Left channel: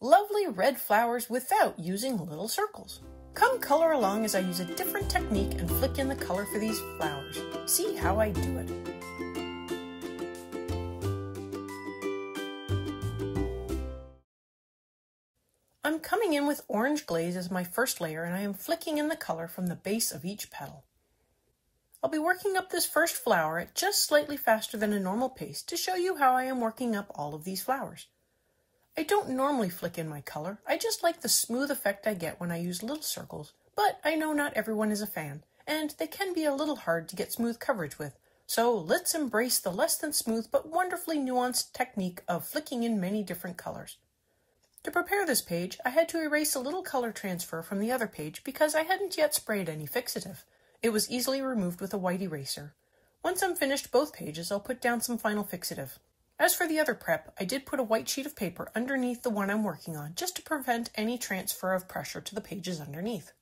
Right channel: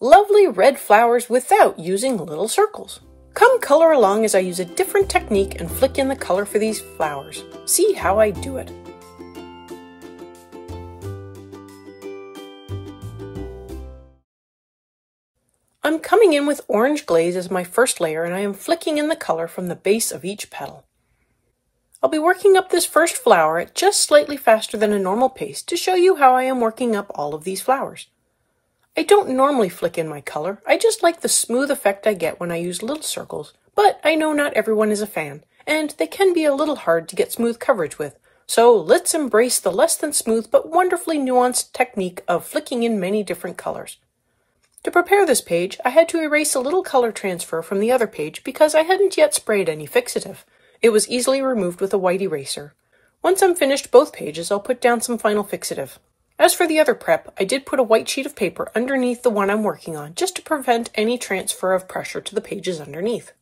Lovely red flowers without using little circles. Come color along as I use a different technique and flick in the color for these flowers. See how I do it. I'm coming in with orange glaze as my first layer, and I am flicking in the color from the base of each petal. I'll be working up this first flower at just slightly faster than a normal pace to show you how I am working up all of these flowers. I don't normally flick in my color, I just like the smooth effect I get when I use little circles, but I know not everyone is a fan, and they can be a little hard to get smooth coverage with, so let's embrace the less than smooth but wonderfully nuanced technique of flicking in many different colors. To prepare this page, I had to erase a little color transfer from the other page because I hadn't yet sprayed any fixative. It was easily removed with a white eraser. Once I'm finished both pages, I'll put down some final fixative. As for the other prep, I did put a white sheet of paper underneath the one I'm working on just to prevent any transfer of pressure to the pages underneath.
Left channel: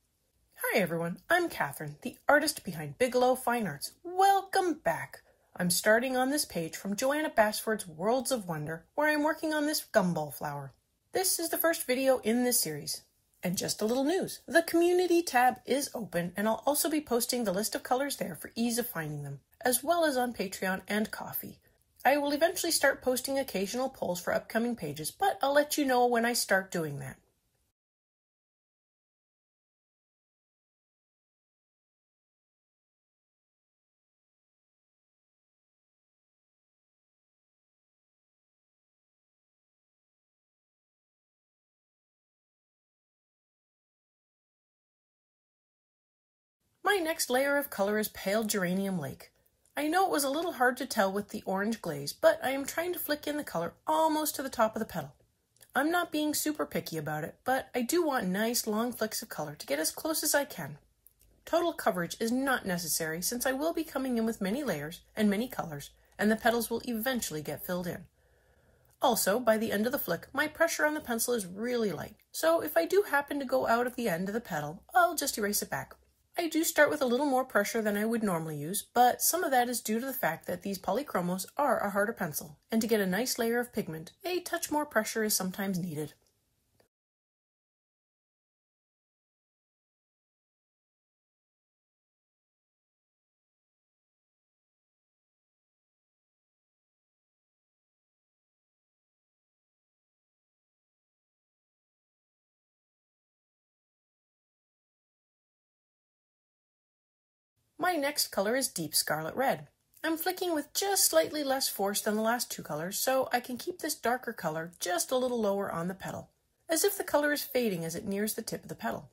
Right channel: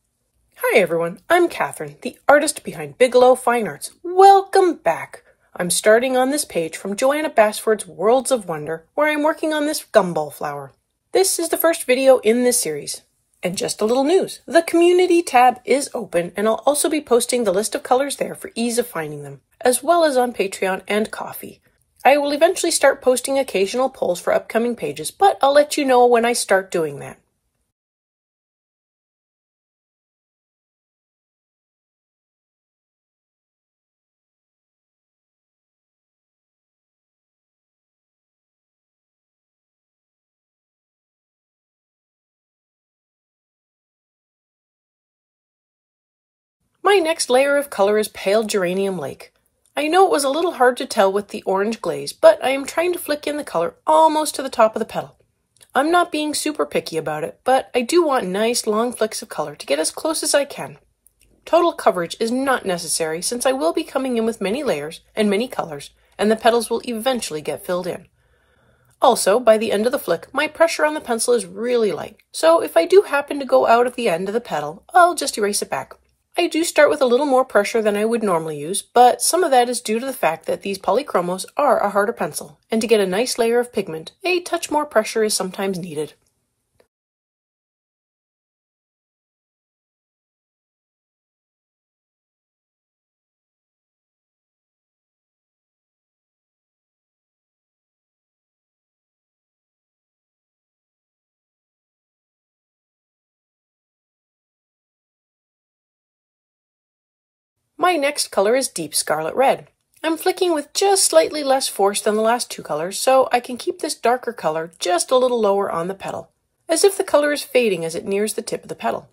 Hi everyone, I'm Catherine, the artist behind Bigelow Fine Arts. Welcome back! I'm starting on this page from Joanna Basford's Worlds of Wonder, where I'm working on this gumball flower. This is the first video in this series. And just a little news, the community tab is open and I'll also be posting the list of colors there for ease of finding them, as well as on Patreon and Ko-fi. I will eventually start posting occasional polls for upcoming pages, but I'll let you know when I start doing that. My next layer of color is Pale Geranium Lake. I know it was a little hard to tell with the orange glaze, but I am trying to flick in the color almost to the top of the petal. I'm not being super picky about it, but I do want nice long flicks of color to get as close as I can. Total coverage is not necessary since I will be coming in with many layers and many colors, and the petals will eventually get filled in. Also, by the end of the flick, my pressure on the pencil is really light, so if I do happen to go out of the end of the petal, I'll just erase it back. I do start with a little more pressure than I would normally use, but some of that is due to the fact that these polychromos are a harder pencil, and to get a nice layer of pigment, a touch more pressure is sometimes needed. My next color is Deep Scarlet Red. I'm flicking with just slightly less force than the last two colors, so I can keep this darker color just a little lower on the petal, as if the color is fading as it nears the tip of the petal.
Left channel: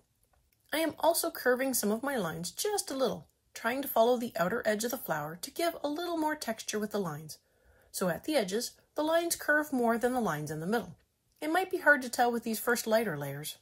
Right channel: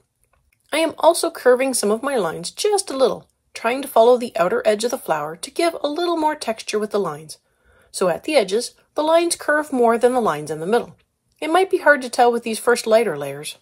I am also curving some of my lines just a little, trying to follow the outer edge of the flower to give a little more texture with the lines. So at the edges, the lines curve more than the lines in the middle. It might be hard to tell with these first lighter layers.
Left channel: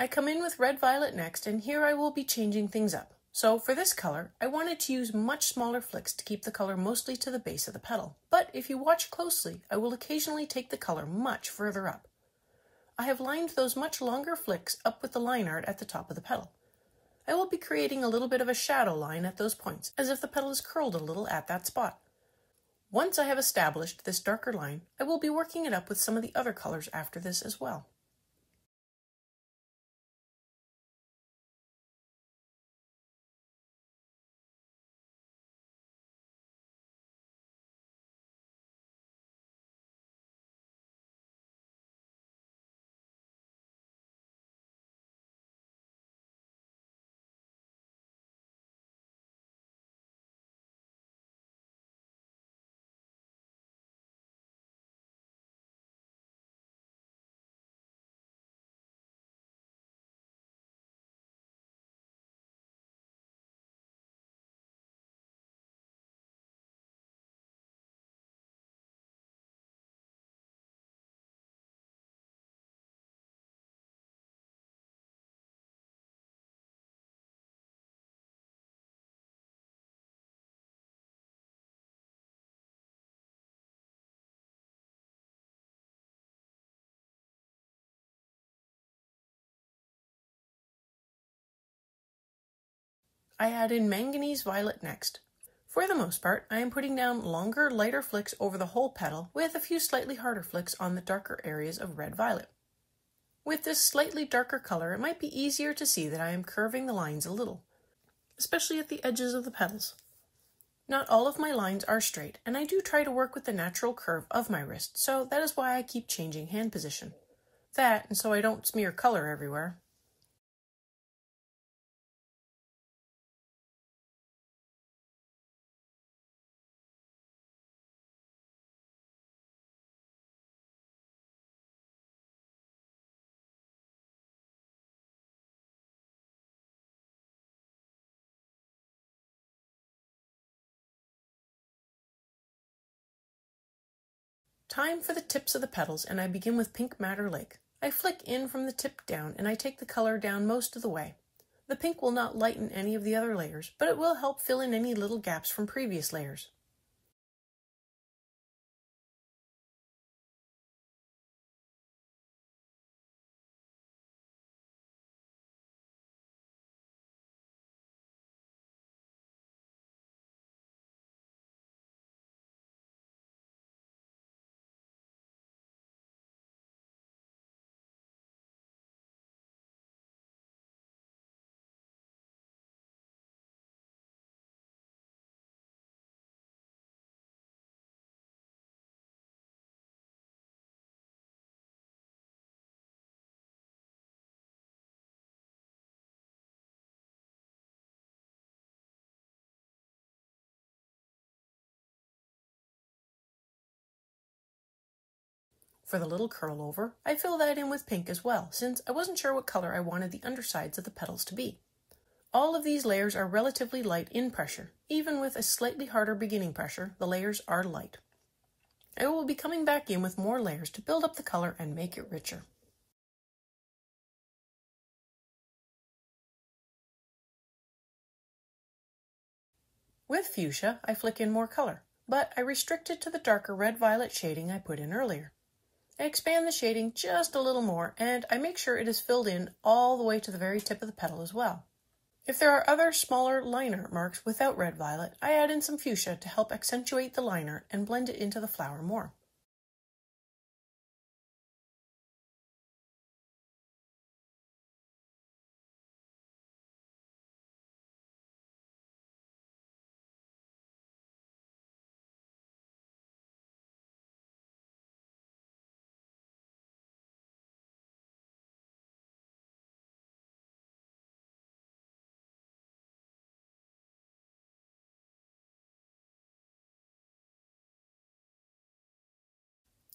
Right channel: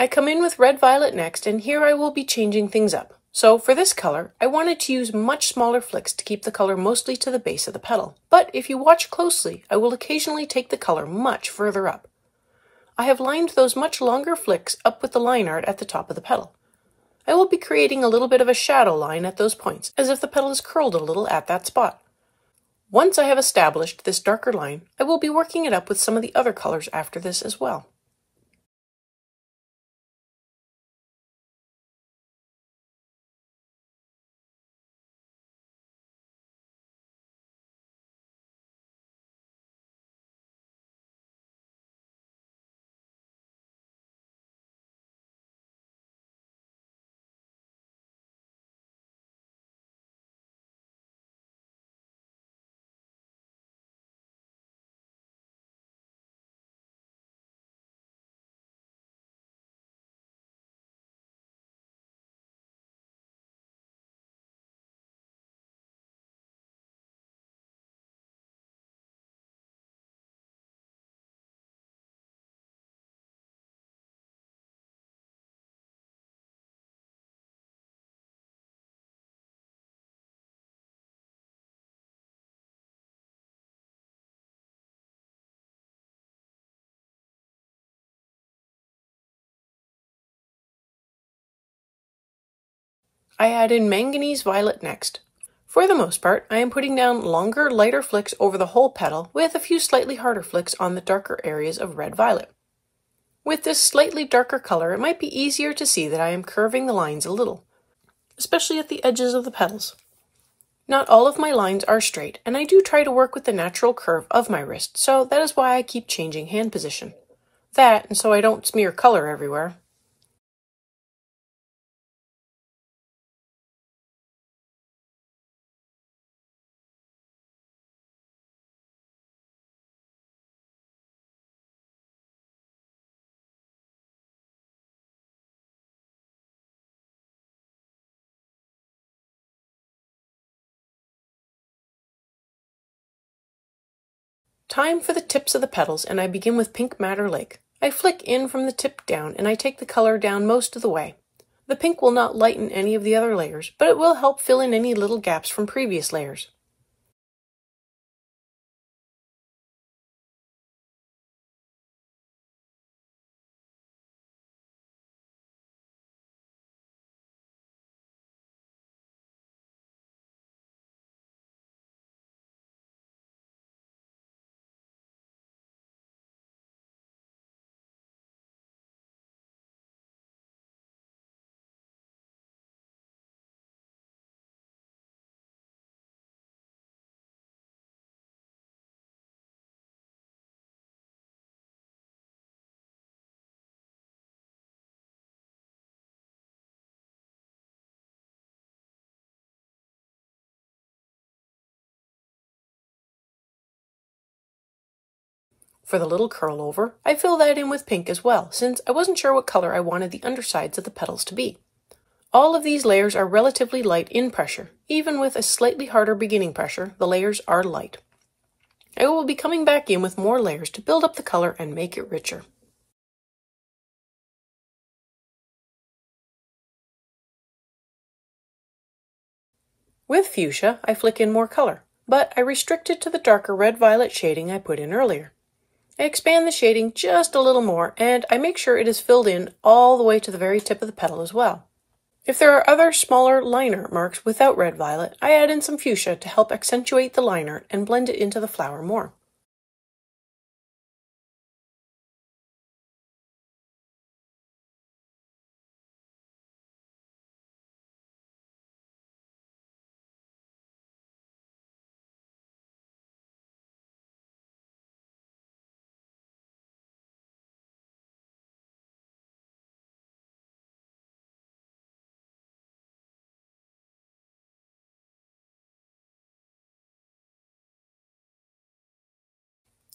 I come in with Red Violet next, and here I will be changing things up. So for this color, I wanted to use much smaller flicks to keep the color mostly to the base of the petal. But if you watch closely, I will occasionally take the color much further up. I have lined those much longer flicks up with the line art at the top of the petal. I will be creating a little bit of a shadow line at those points, as if the petal is curled a little at that spot. Once I have established this darker line, I will be working it up with some of the other colors after this as well. I add in manganese violet next. For the most part, I am putting down longer, lighter flicks over the whole petal with a few slightly harder flicks on the darker areas of red-violet. With this slightly darker color, it might be easier to see that I am curving the lines a little, especially at the edges of the petals. Not all of my lines are straight, and I do try to work with the natural curve of my wrist, so that is why I keep changing hand position. That, and so I don't smear color everywhere. Time for the tips of the petals, and I begin with Pink Madder Lake. I flick in from the tip down, and I take the color down most of the way. The pink will not lighten any of the other layers, but it will help fill in any little gaps from previous layers. For the little curl over, I fill that in with pink as well, since I wasn't sure what color I wanted the undersides of the petals to be. All of these layers are relatively light in pressure. Even with a slightly harder beginning pressure, the layers are light. I will be coming back in with more layers to build up the color and make it richer. With fuchsia, I flick in more color, but I restrict it to the darker red-violet shading I put in earlier. I expand the shading just a little more, and I make sure it is filled in all the way to the very tip of the petal as well. If there are other smaller line art marks without red-violet, I add in some fuchsia to help accentuate the line art and blend it into the flower more.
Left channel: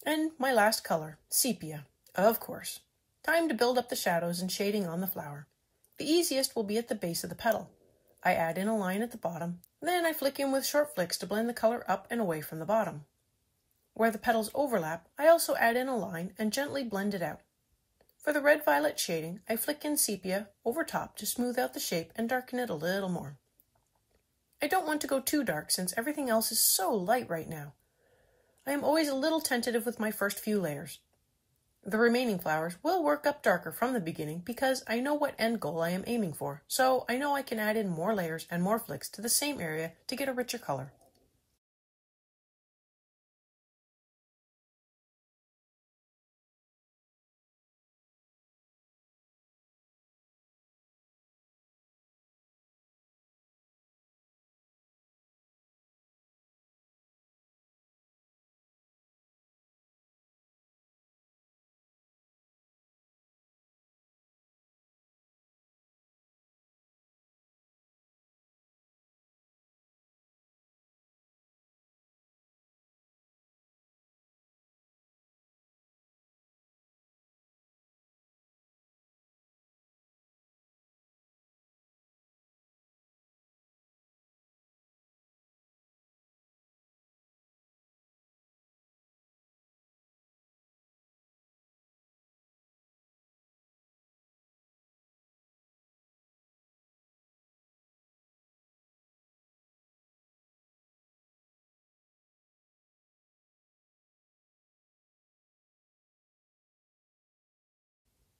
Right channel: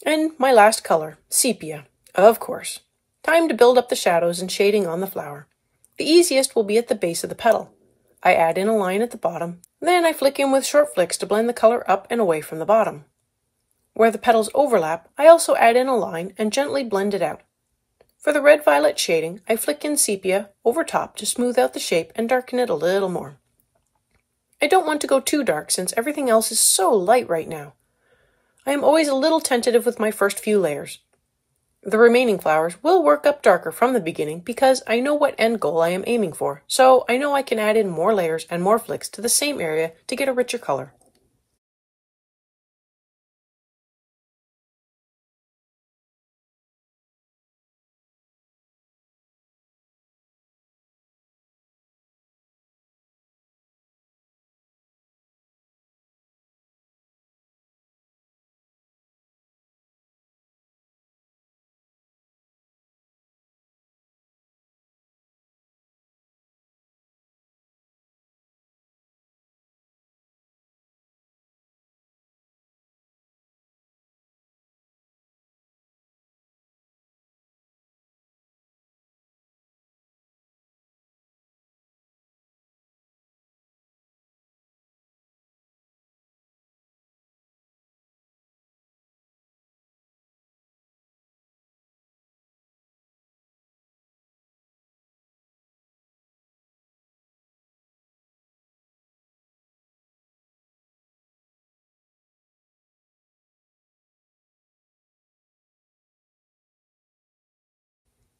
And my last color, sepia, of course. Time to build up the shadows and shading on the flower. The easiest will be at the base of the petal. I add in a line at the bottom, then I flick in with short flicks to blend the color up and away from the bottom. Where the petals overlap, I also add in a line and gently blend it out. For the red-violet shading, I flick in sepia over top to smooth out the shape and darken it a little more. I don't want to go too dark since everything else is so light right now. I am always a little tentative with my first few layers. The remaining flowers will work up darker from the beginning because I know what end goal I am aiming for, so I know I can add in more layers and more flicks to the same area to get a richer color.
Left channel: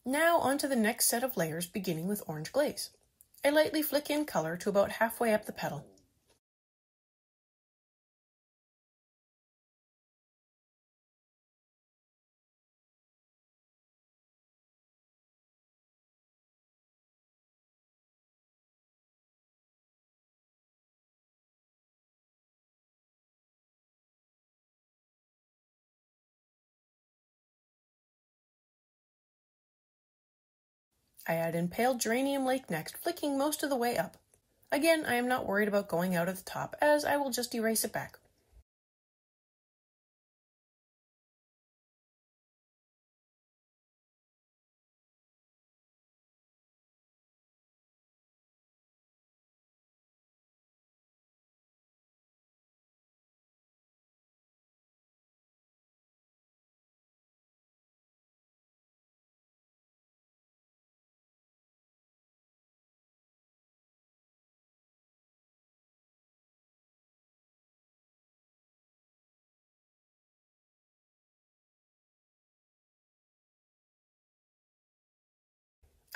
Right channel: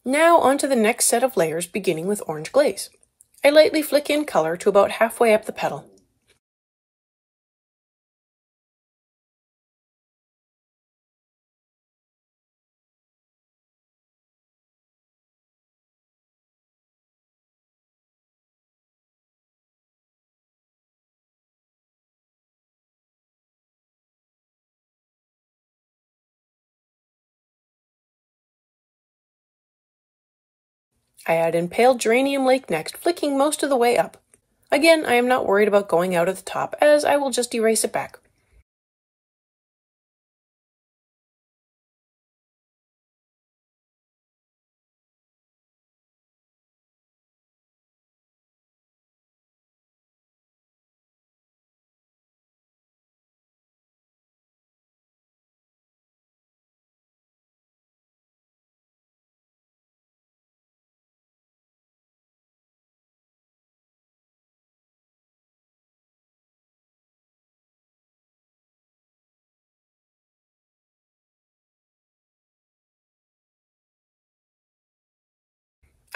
Now onto the next set of layers beginning with orange glaze. I lightly flick in color to about halfway up the petal. I add in pale geranium lake next, flicking most of the way up. Again, I am not worried about going out at the top, as I will just erase it back.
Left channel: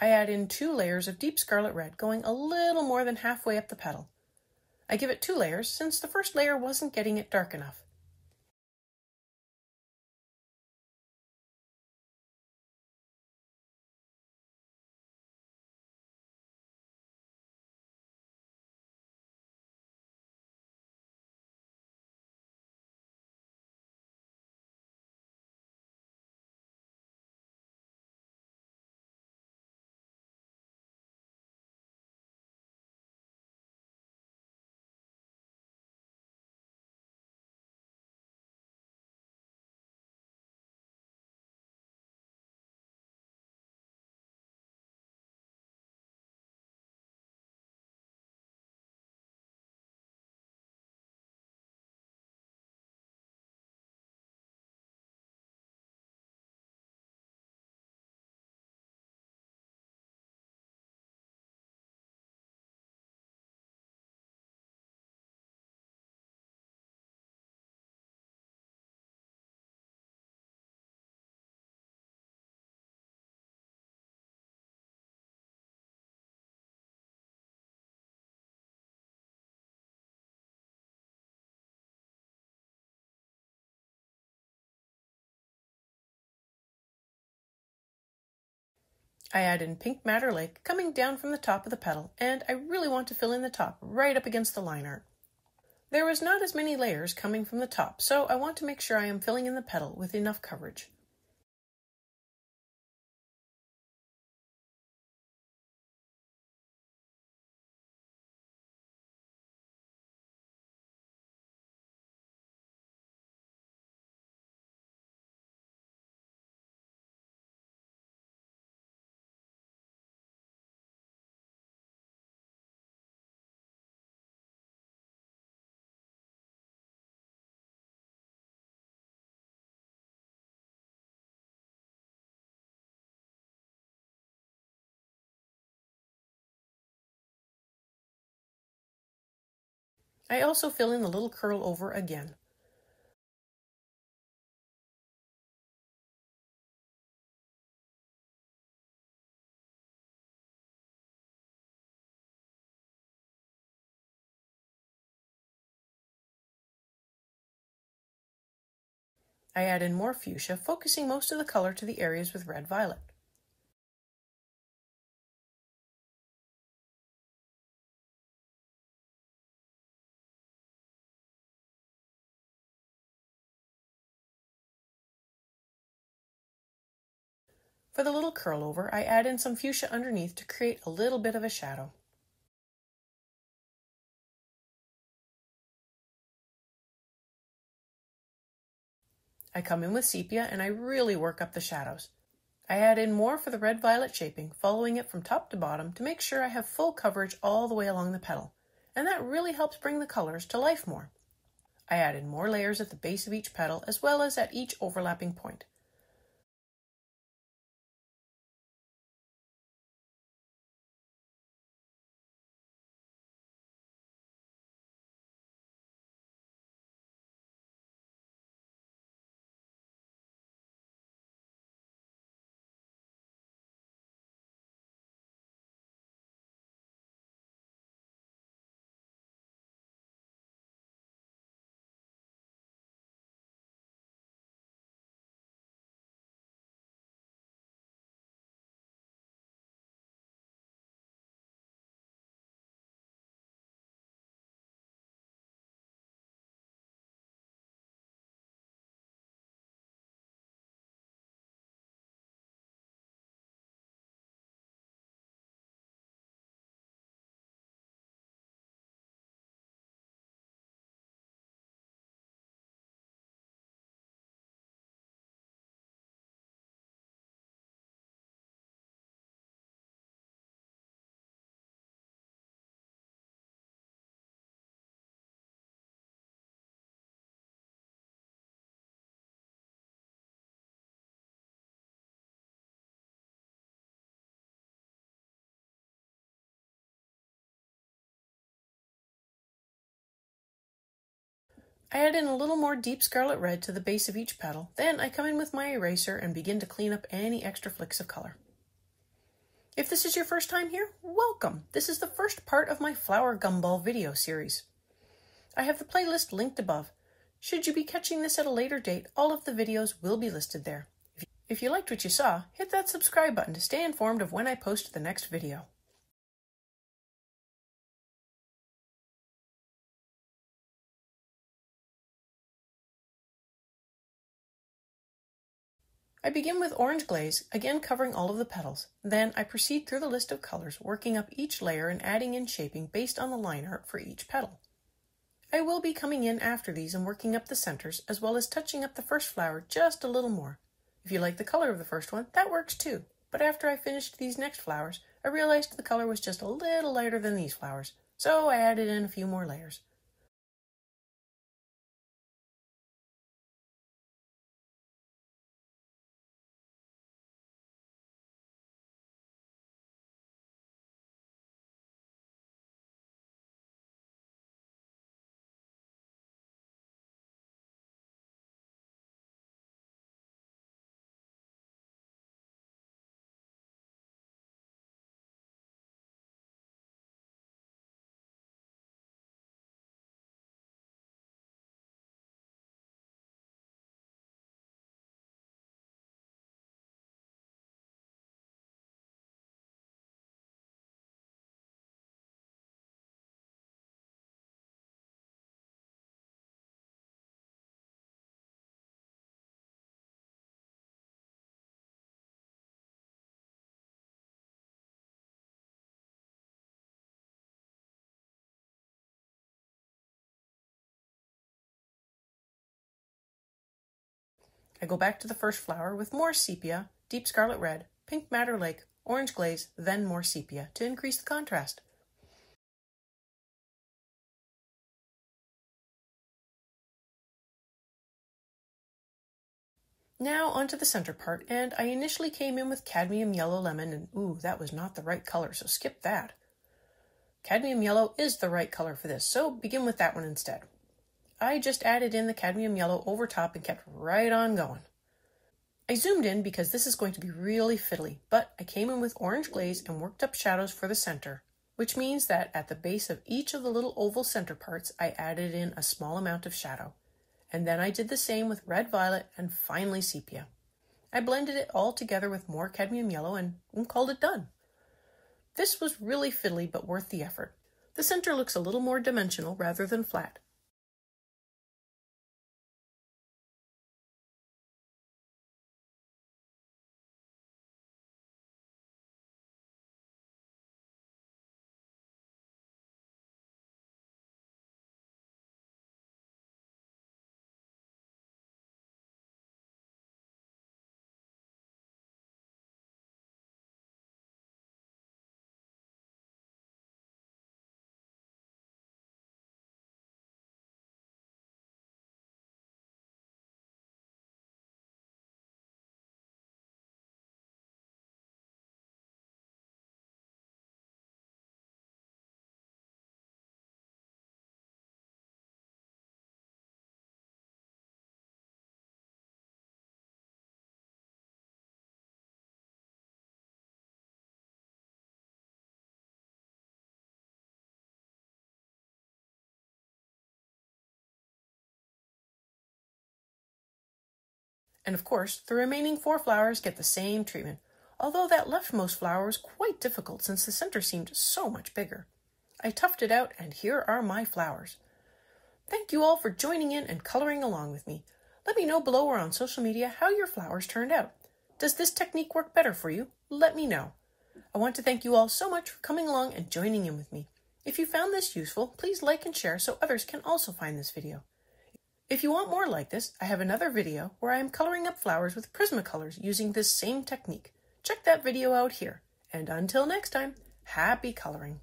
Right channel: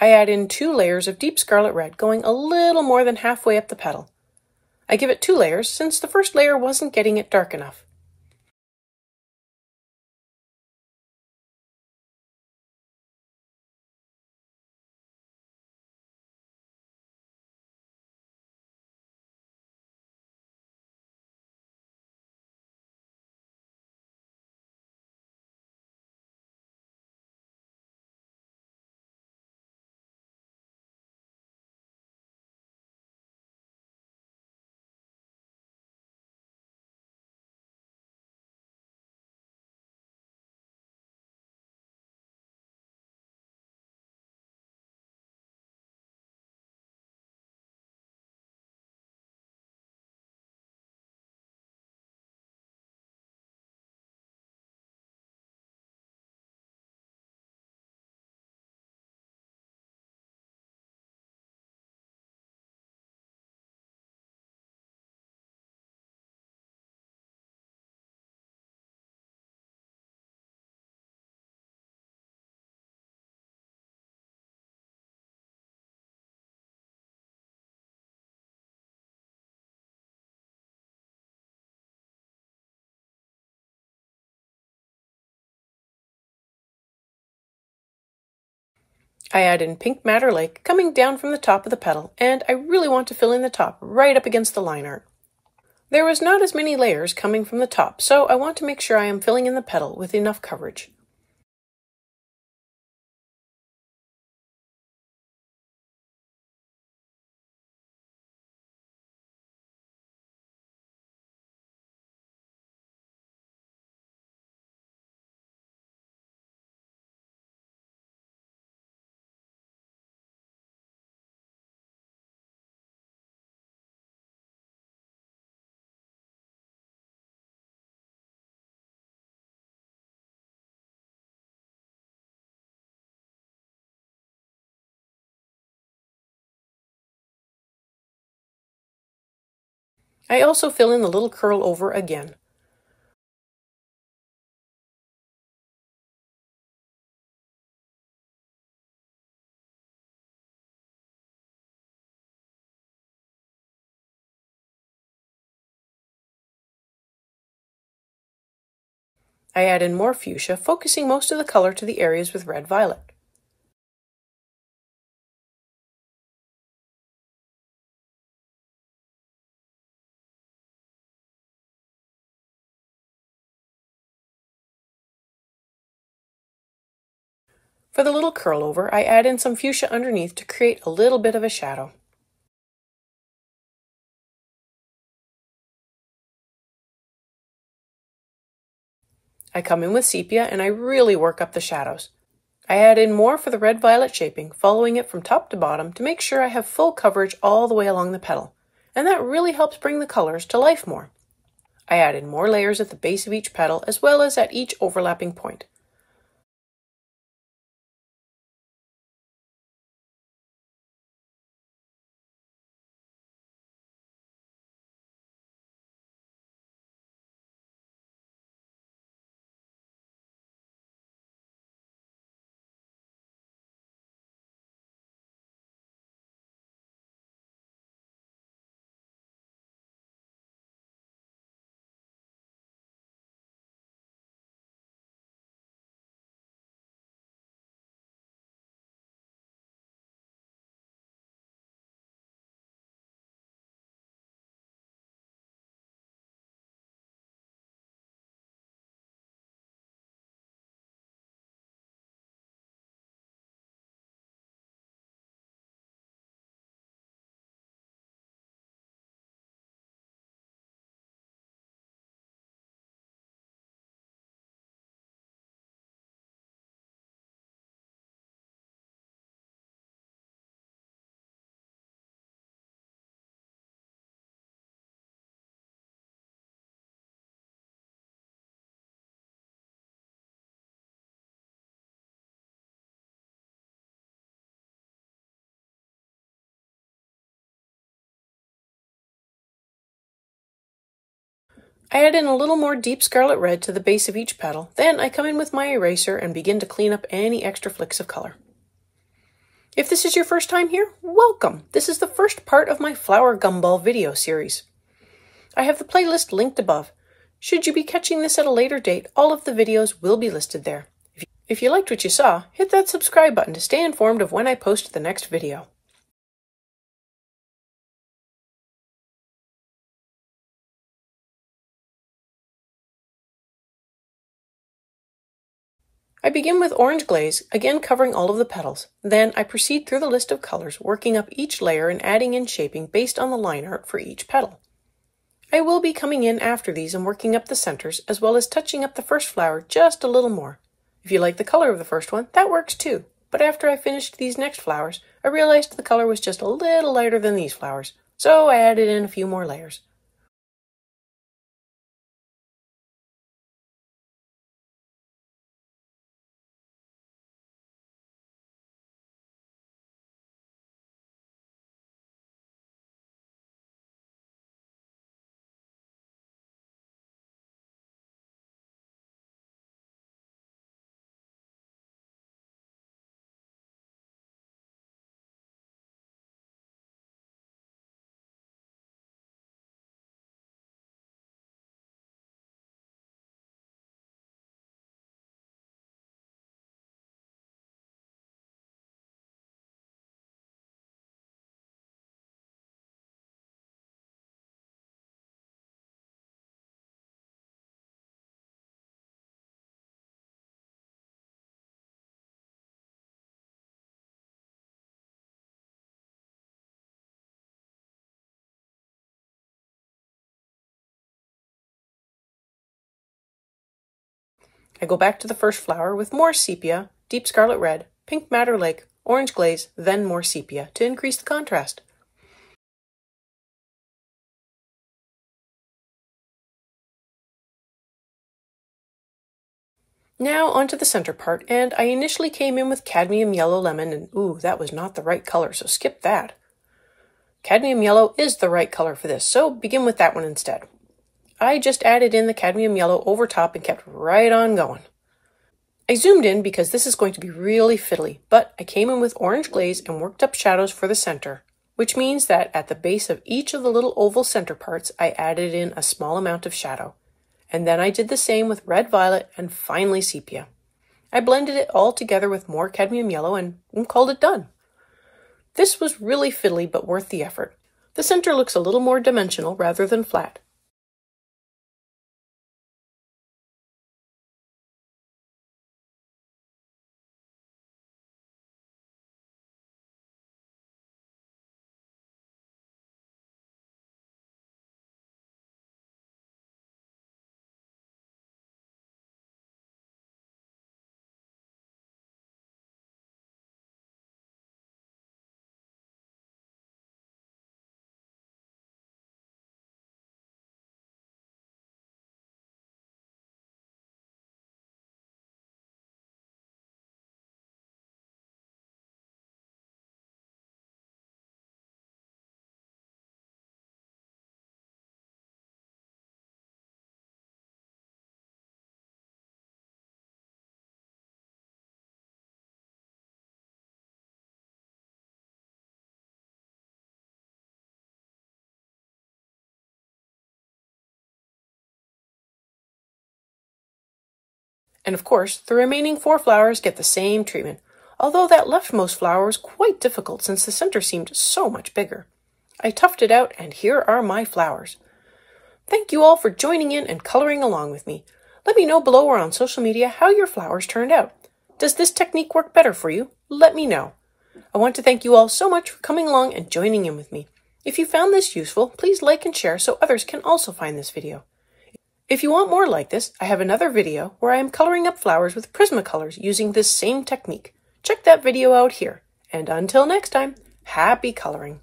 I add in 2 layers of deep scarlet red, going a little more than halfway up the petal. I give it 2 layers since the first layer wasn't getting it dark enough. I add in pink madder lake coming down from the top of the petal, and I really want to fill in the top right up against the line art. There was not as many layers coming from the top, so I want to make sure I am filling in the petal with enough coverage. I also fill in the little curl over again. I add in more fuchsia, focusing most of the color to the areas with red-violet. For the little curl over, I add in some fuchsia underneath to create a little bit of a shadow. I come in with sepia and I really work up the shadows. I add in more for the red-violet shaping, following it from top to bottom to make sure I have full coverage all the way along the petal, and that really helps bring the colors to life more. I add in more layers at the base of each petal as well as at each overlapping point. I add in a little more deep scarlet red to the base of each petal, then I come in with my eraser and begin to clean up any extra flicks of color. If this is your first time here, welcome! This is the first part of my flower gumball video series. I have the playlist linked above. Should you be catching this at a later date, all of the videos will be listed there. If you liked what you saw, hit that subscribe button to stay informed of when I post the next video. I begin with orange glaze, again covering all of the petals. Then I proceed through the list of colors, working up each layer and adding in shaping based on the line art for each petal. I will be coming in after these and working up the centers, as well as touching up the first flower just a little more. If you like the color of the first one, that works too. But after I finished these next flowers, I realized the color was just a little lighter than these flowers, so I added in a few more layers. I go back to the first flower with more sepia, deep scarlet red, pink madder lake, orange glaze, then more sepia to increase the contrast. Now onto the center part, and I initially came in with cadmium yellow lemon, and ooh, that was not the right color, so skip that. Cadmium yellow is the right color for this, so begin with that one instead. I just added in the cadmium yellow over top and kept right on going. I zoomed in because this is going to be really fiddly, but I came in with orange glaze and worked up shadows for the center, which means that at the base of each of the little oval center parts, I added in a small amount of shadow. And then I did the same with red violet and finally sepia. I blended it all together with more cadmium yellow and called it done. This was really fiddly but worth the effort. The center looks a little more dimensional rather than flat. And of course, the remaining 4 flowers get the same treatment, although that leftmost flower was quite difficult since the center seemed so much bigger. I toughed it out, and here are my flowers. Thank you all for joining in and coloring along with me. Let me know below or on social media how your flowers turned out. Does this technique work better for you? Let me know. I want to thank you all so much for coming along and joining in with me. If you found this useful, please like and share so others can also find this video. If you want more like this, I have another video where I am coloring up flowers with prismacolors using this same technique. Check that video out here. And until next time, happy coloring!